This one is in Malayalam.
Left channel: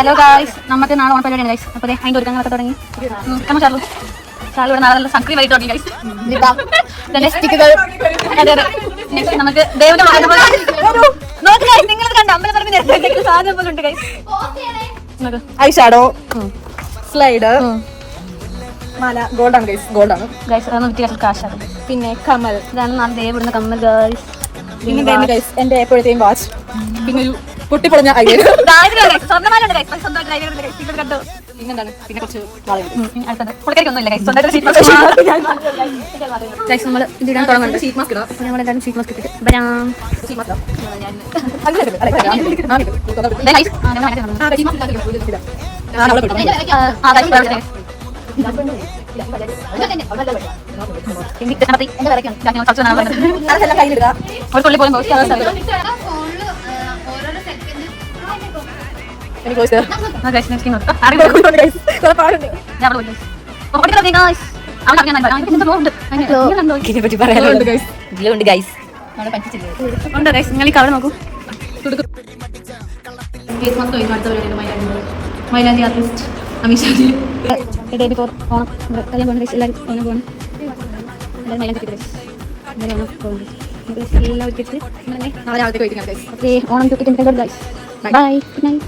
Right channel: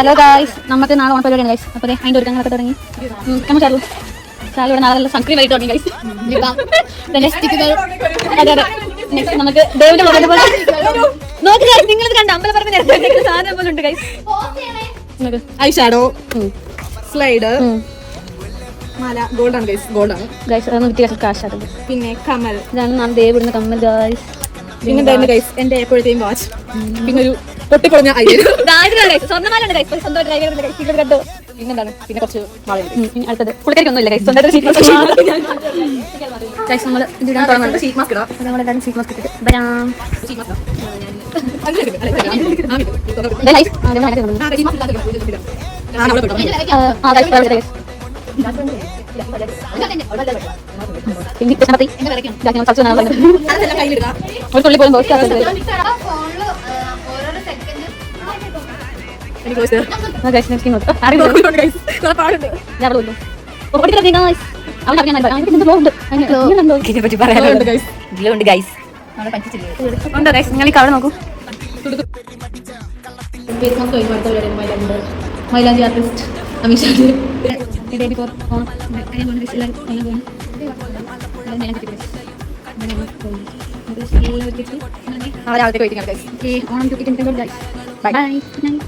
ഹലോ ഗൈസ്, നമുക്ക് നാളെ ഓൺ പരിപാടിയാണ് ഗൈസ്. അപ്പോൾ അതിൻ്റെ ഒരുക്കങ്ങളൊക്കെ തുടങ്ങി. നമ്മൾ ചാർജ് ഇവിടെ നാളെ സൺസ്ക്രീൻ ലൈറ്റ് തുടങ്ങി ഗൈസ്. ലിപ്സ്റ്റിക്കുകൾ നമുക്ക് നിങ്ങൾ കണ്ട അമ്പലം പറഞ്ഞ സാധനം പോലെ ഉണ്ട് guys. I shadow, slider, Mala, ഗോൾഡാണ് guys, ഗോൾഡാണ് guys. കാശാണ്. പിന്നെ കമ്മൽ, ഇതാണ് നാളെ ദേവിടുന്ന കമ്മൽ ഗൈസ്. പിന്നെ ടൈം ഗൈസ് എൻ്റെ എപ്പോഴത്തെയും വാച്ച്, പിന്നെ ഒരു പൊട്ടിപ്പൊളിഞ്ഞ ഐ, പിന്നെ കുറച്ച് അടുത്തത് പുള്ളിക്കാരിക്കൊന്നുമില്ല ഗൈസ്. ഗൈസ് നമ്മൾ ഇതിടാൻ തുടങ്ങുന്നുണ്ട്. ഷീറ്റ് മാസ്ക് ഇടാം. നമ്മളെല്ലാവരും ഷീറ്റ് മാസ്ക് ഇട്ടിട്ട് വരാം. അവിടെ നോക്കൂ. മൈലാഞ്ചി ആർട്ടിസ്റ്റ് അമീഷാജി ഡേബി ഫോർ ഓണം കല്യാൺ പോകുന്ന ഗൈസ്. എല്ലാവരും ഓണം പോകണം. എല്ലാവരും മൈലാഞ്ചി കിട്ടി ഗൈസ്. ഓണം പോകുന്നു. എല്ലാവർക്കും Onam 2025 guys. Okay, Onam 2025 guys. Bye, good night.